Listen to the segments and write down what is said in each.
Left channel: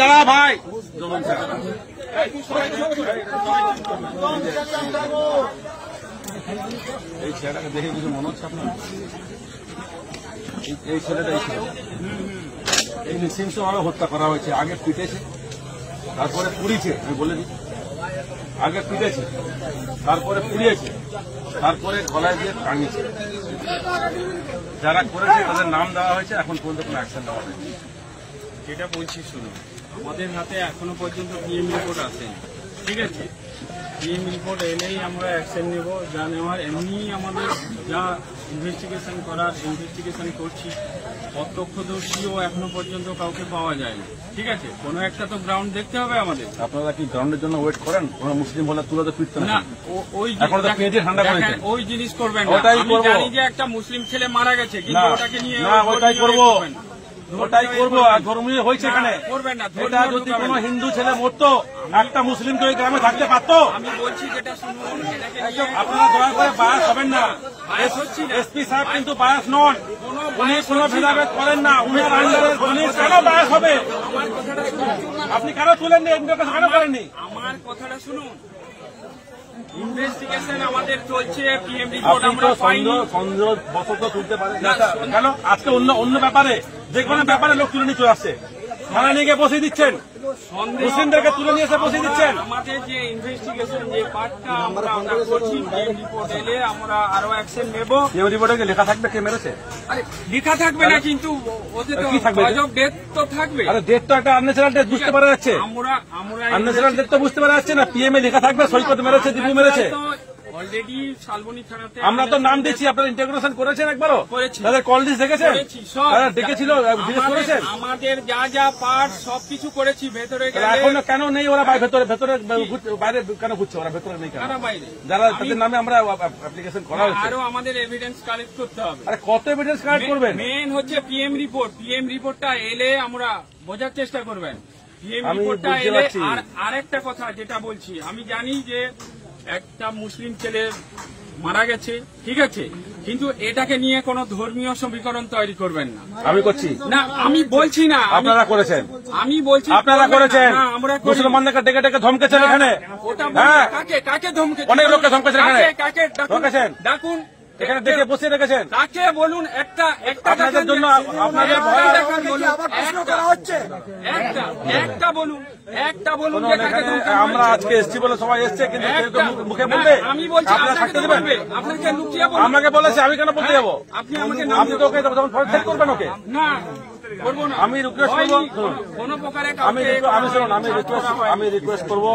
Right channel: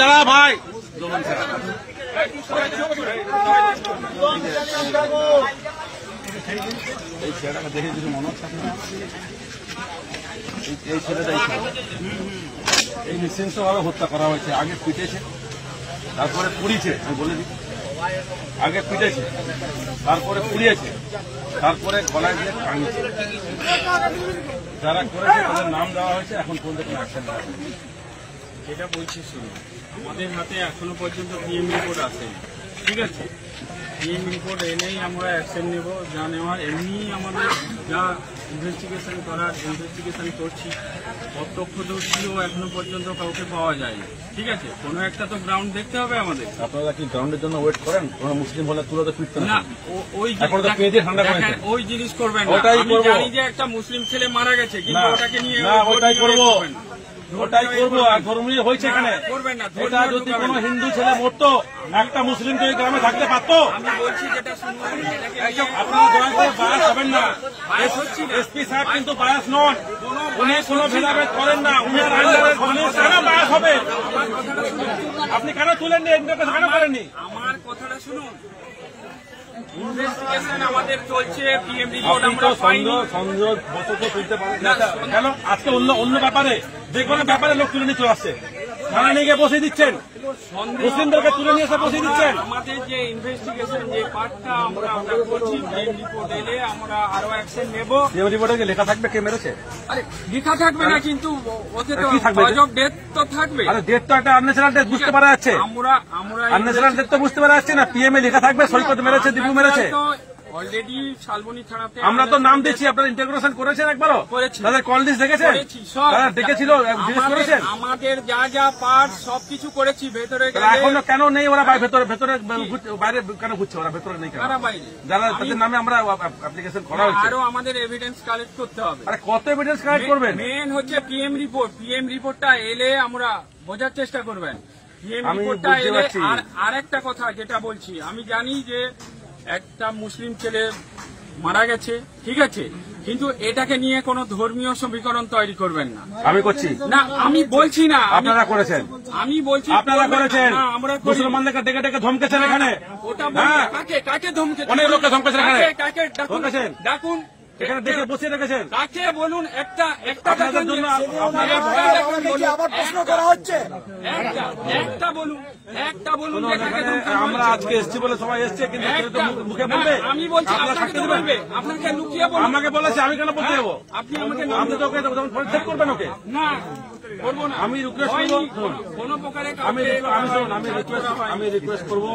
দাঁড়া ভাই, এই ছেলেটাকে দেখে কিছু মনে হচ্ছে আপনার? এই ছেলেটাই এই নৃশংসভাবে হত্যা করা হয়েছে। আগে পিটেছে, তারপরে পুড়িয়েছে। আমি বলে দিই, আগে পিটেছে, তারপরে পুড়িয়েছে, তারপরে গলায় দিয়ে টাঙিয়েছে। যারা করেছে তাদের নাম দেওয়া হয়েছে, এখন পর্যন্ত কোনো অ্যাকশন নেওয়া হয়নি। যেটা বলছি শুনুন, আমাদের হাতে এখনো পর্যন্ত পিএম রিপোর্ট আসেনি, ঠিক আছে? পিএম রিপোর্ট এলেই আমরা অ্যাকশন নেব, যা নেওয়ার এমনি আমাদের যা ইনভেস্টিগেশন করার ইনভেস্টিগেশন করছি। প্রত্যক্ষদর্শীও এখনো পর্যন্ত কাউকে পাওয়া যায়নি, ঠিক আছে? কোনো একটা তো গ্রাউন্ড দেখতে হবে আমাদের। আপনারা কি গ্রাউন্ডের জন্য ওয়েট করেন? কোনো মুসলিম হলে তুলে তো পিটতে না, ওই জিনিস করবেন না। ওটাই করবো, জানি যে একটা মুসলিম ছেলে মারা গেছে, কিন্তু ওটাকে নিয়ে ওটাই করবো, ওটাই করবো। আর ধর্মীয় হয়েছে এখানে। করবেন না। এটা যদি কোনো হিন্দু ছেলে মরতো, একটা মুসলিম তো এই গ্রামে থাকতে পারতো। আমি বলছি যেটা আপনারা দয়া করে বায়াস হবেন না। এসপি সাহেব কিন্তু বায়াস নন, উনি কোনো ভেদাভেদ করেন না। উনার আন্ডারে পুলিশ কেন বায়াস হবে? আপনি কেন তুলেননি? কেন করেননি? আমার কথাটা শুনুন, ইনভেস্টিগেশন আমাদের চলছে। পিএম রিপোর্ট আপনি তো সন্দেহ বশত তুলতে পারেন কেন? আজকে অন্য ব্যাপারে, যে কোনো ব্যাপারে লোক তুলে নিয়ে চলে আসছে, থানা নিয়ে গিয়ে বসে দিচ্ছেন, মুসলিমদেরকে তুলে নিয়ে এসে বসে দিচ্ছেন। আমাদের যে ইনভেস্টিগেশন যে পার্টটা আমরা করছি, পিএম রিপোর্ট এলে আমরা আরো অ্যাকশন নেব। পিএম রিপোর্টে লেখা থাকবে কে মেরেছে? আরে লেখা থাকবে না, কিন্তু ওতে তো কজ অফ ডেথ তো থাকবে। আরে ডেট তো একটা আনন্যাচারাল ডেট বুঝতে পারা যাচ্ছে। আমরা আনন্যাচারাল ডেট তো বুঝতে পারা যাচ্ছে না। পিএম এ লেখা থাকবে সৈকত মেরেছে, দীপু মেরেছে। অলরেডি শালবনী থানাতে আমরা তো নাম দিচ্ছি। আপনারা ইন্টাগ্রেশন করেছেন একবারও? করেছি। তাদের কল লিস্ট দেখেছেন? দেখেছিল, আমাদের যা যা পার্ট সবকিছু করেছি। ভেতরে এখনো কেন নেই ওরা? ভেতরে বাইরে কেন ঘুরছে ওরা? ভেতরে নেই কারা? বাইরে যারা তাদের নামে আমরা অ্যাপ্লিকেশন করা হয়েছে। আরো আমাদের এভিডেন্স কালেক্ট করতে হবে। আরে কত এভিডেন্স কালেক্ট করবেন? মেন হচ্ছে পিএম রিপোর্ট। পিএম রিপোর্টটা এলে আমরা বোঝার চেষ্টা করবেন। পিএম রিপোর্টটা এলে আর একটা কথা যেটা বলছি, আমি জানি যে একটা মুসলিম ছেলে মারা গেছে, ঠিক আছে, কিন্তু এটাকে নিয়ে কোনো ধর্মীয় সমীকরণ তৈরি করবেন না। আমি করছি না, আমি বলছি না, আপনারা করেছেন। আমি বলছি আপনারা করেছেন। আমরা মুসলমানদেরকে ডেকে ডেকে ধমকেছেন এখানে। ওটা কাকে ধমকেছেন? অনেক লোককে ধমকেছেন এখানে। কাকে ডাকুন এখানে দেখে বসে রেখেছেন। কাকে বলুন? একটা আপনাদের জন্য আপনাদের ভয় একটা বলুন। আমরা আজকে এসছি বলে সবাই এসছে, কিন্তু মুখে বলবে। আমি বলছি থাকতে দেবেন? আপনাকে লুকিয়ে বলুন। আমাকে বলেছে, আমি কেন বলতে যাবো? আপনি আমাকে আপনি তো ওকে যখন ফোন করবেন ওকে। না করবো না, আমি রিকোয়েস্ট করবো, কোন প্রকারে আমি রিকোয়েস্ট করবো,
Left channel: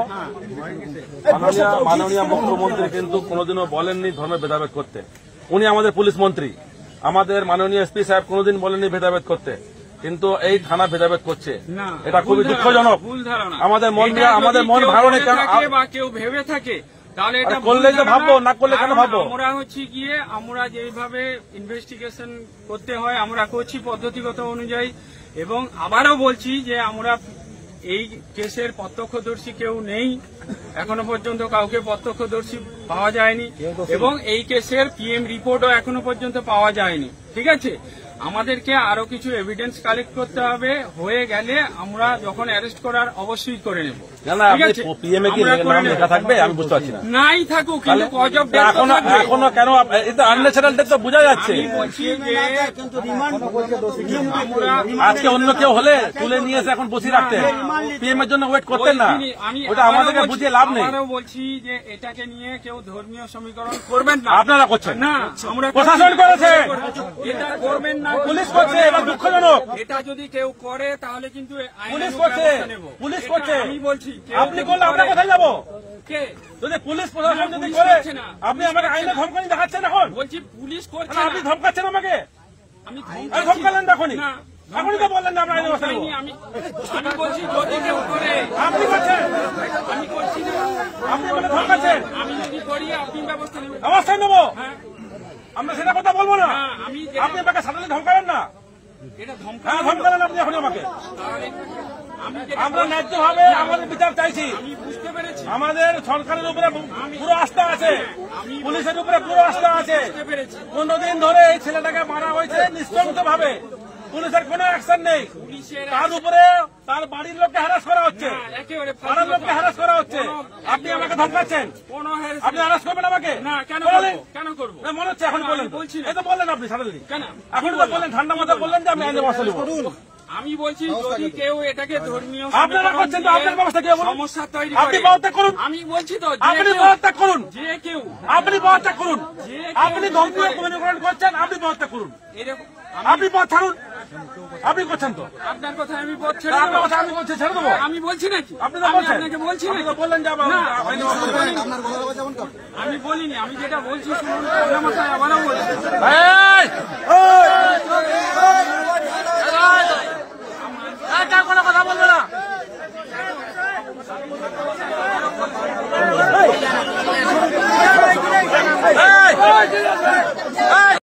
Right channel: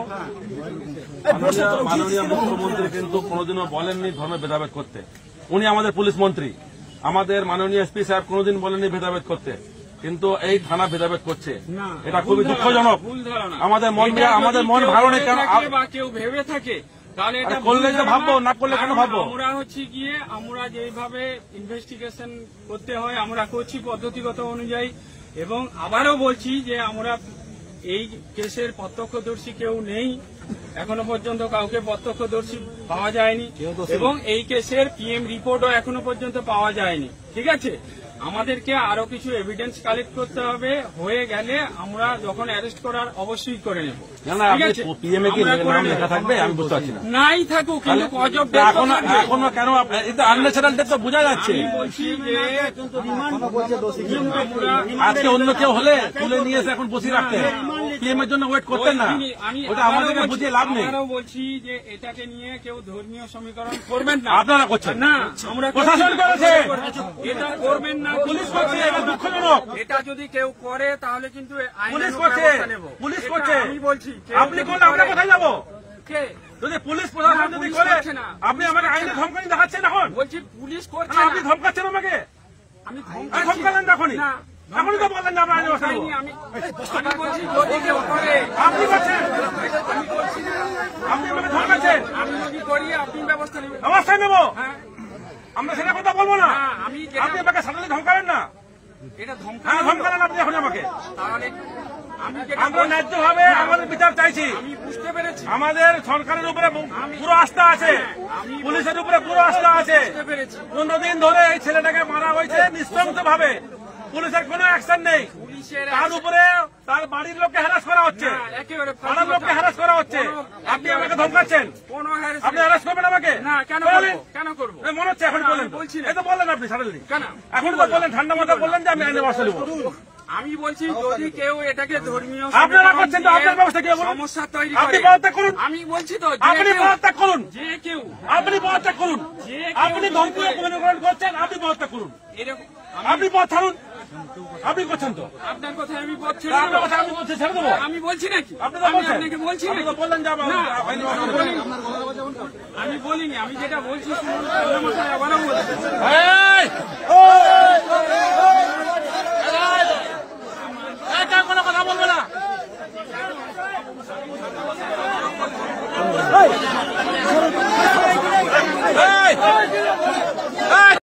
মাননীয় মুখ্যমন্ত্রী কিন্তু কোনোদিনও বলেননি ধর্মের ভেদাভেদ করতে। উনি আমাদের পুলিশ মন্ত্রী। আমাদের মাননীয় এসপি সাহেব কোনোদিন বলেননি ভেদাভেদ করতে, কিন্তু এই থানা ভেদাভেদ করছে। এটা খুবই দুঃখজনক। আমাদের মন ভালো কেন বা কেউ ভেবে থাকে তাহলে এটা করলে যে ভাববো, না করলে কেন ভাববো? আমরা হচ্ছে গিয়ে আমরা যেভাবে ইনভেস্টিগেশন করতে হয় আমরা করছি পদ্ধতিগত অনুযায়ী। এবং আবারও বলছি যে আমরা এই কেসের প্রত্যক্ষদর্শী কেউ নেই, এখনো পর্যন্ত কাউকে প্রত্যক্ষদর্শী পাওয়া যায়নি, এবং এই কেসের পিএম রিপোর্টও এখনো পর্যন্ত পাওয়া যায়নি, ঠিক আছে? আমাদেরকে আরো কিছু এভিডেন্স কালেক্ট করতে হবে। হয়ে গেলে আমরা যখন অ্যারেস্ট করার অবশ্যই করে নেব। পিএম এ কি নাম লেখা থাকবে? আমি বুঝতে পারছি না। নাই থাকুক, কিন্তু কজ অফ ডেথ এখনো কেন? এই তো আনন্যাচারাল ডেথ তো বোঝা যাচ্ছে। আমি বলছি যে আজকে অন্য কেউ হলে তুলে নিয়ে এসে এখন বসিয়ে রাখতেন, পিএম এর জন্য ওয়েট করতেন না। ওটা আমাদেরকে বুঝিয়ে লাভ নেই। আমরাও বলছি যে এটাকে নিয়ে কেউ ধর্মীয় সমীকরণ করবেন না। আপনারা করছেন না, আমরা প্রশাসন করেছে, এটা করবেন না। পুলিশ করছে। এটা দুঃখজনক। এটা যদি কেউ করে তাহলে কিন্তু পুলিশ করছে, পুলিশ করছে। আমি বলছি আপনি করলে আমরা কোথায় যাবো? কে? যদি পুলিশ প্রশাসন যদি করে, আপনি আমাকে আইনে ধমকানি দেখাচ্ছেন এখন? বলছি পুলিশ করছে। আপনি ধমকাচ্ছেন আমাকে? আমি ধমকালেন এখনই? এখনই তো বললেন না আমরা আইনে ব্যবস্থা নেব। আমি বলছি যদি কেউ করে। আপনি করছেন, আমি বলছি আপনি আমাকে ধমকাচ্ছেন। আমি যদি করি আপনি ব্যবস্থা নেবেন। অবশ্যই নেব। হ্যাঁ, আমরা সেটা কথা বলবো না। আপনি আমাকে সাধারণ ধমকালেন না, এটা ধমকালেন আপনি এখন আমাকে। তাহলে আমি যেটা আমরা ন্যায্যভাবে আমাদের বিচার চাইছি। আমি বুঝতে পেরেছি, আমাদের সরকারের উপরে পুরো আস্থা আছে, পুলিশের উপরে পুরো আস্থা আছে। বুঝতে পেরেছি। 15 দিন ধরে এই ছেলেটাকে মারা হয়েছে নৃশংস ভাবে, পুলিশের কোনো অ্যাকশন নেই। পুলিশের তার উপরে তার বাড়ির লোককে হ্যারাস করা হচ্ছে, একেবারে পাড়ার লোককে হ্যারাস করা হচ্ছে। আপনি আমাকে ধমকাচ্ছেন, কোনো আপনি হ্যারাস করবেন আমাকে? না, কেন বলেন। করবো? কেন করবো? এই মনে হচ্ছে এখন না, বলেন, আমি বলছি না। এই তো বললেন আপনি সাডেনলি, কেন? এখন তো বললেন ঠান্ডা মাথায় বললেন যে আমি আইনের ব্যবস্থা নেব। আমি বলছি যদি কেউ এটাকে ধর্মীয় আপনারা সমীকরণ করছেন তো, দিয়ে আপনার ব্যবস্থা কি বলুন? সমস্যা তৈরি আপনি করে, পদত্যাগ করুন। আমি বলছি তো যে আপনি কেউ- পদত্যাগ করুন, যে কেউ আপনি পদত্যাগ করুন। যে আপনি কেউ ধর্মীয় করে- সমীকরণ করছেন, আপনি পদত্যাগ করুন। এরকম আপনি পথ ছাড়ুন, আপনি করছেন তো। আপনার কথা আমি পথ ছেড়ে আপনার দেবো? কথা আমি বলছি ছেড়ে দেবো? আমি বলছি নাকি? আপনি তো আমি বলছেন, আপনাকে বলছি আপনি নাকি? তো বললেন যে আমার না, আইনের ব্যবস্থা নেব। আমি বলিনি। আমি যেটা বলছি শুনুন, ঠান্ডা মাথায় আবারও বলছি। এই